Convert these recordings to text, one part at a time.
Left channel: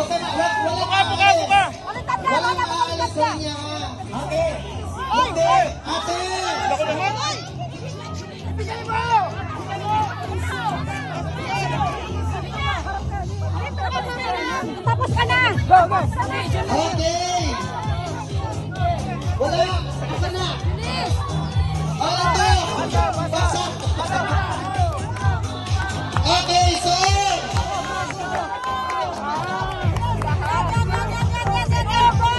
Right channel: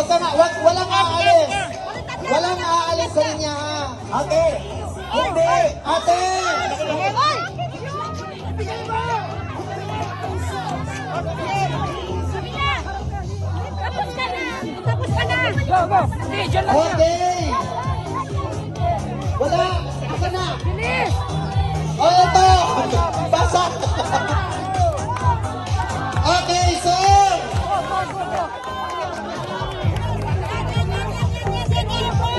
Huwag ka na, walang aalis. Walang aalis sa linya, ha? Ate! Hindi! Ate! Tapos ka na! Go, go! Okay! Wala! Asa na? Oh, ito! Basa! Okay, so!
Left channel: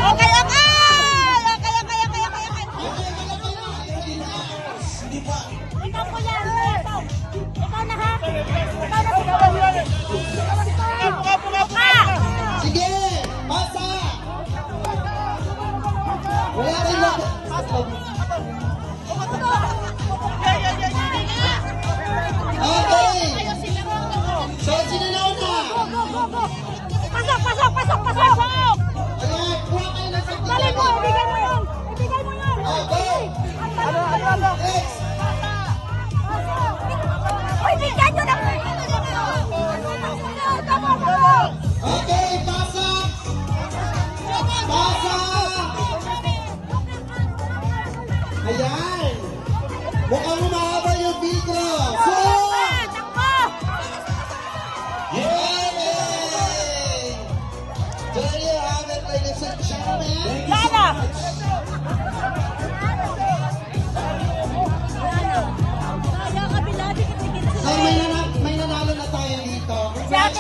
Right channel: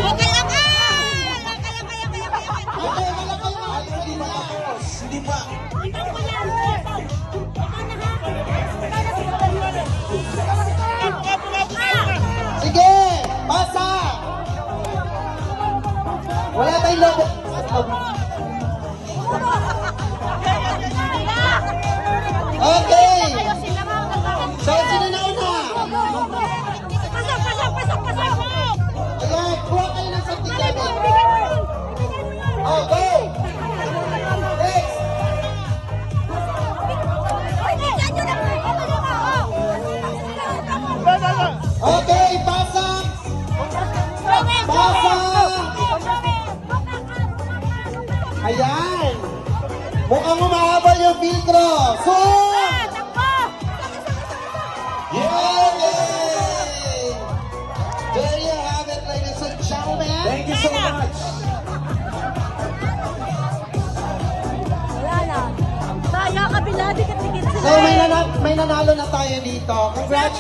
Okay, okay! Okay, wala kayo! Hindi na! Hindi pa! Ikaw mo yan! Ikaw na ha! Ikaw na! Sige! Basa! Wala tayong lobo! Okay! So, sino na una? Pasok! Ayan, kuha kayo ng certificate. Okay! Next! Okay, basa! Basa! Ayan! Mukhang humahaba yung filtro. So! Yay! There you have it, ladies and gentlemen. Thank you so much. So, may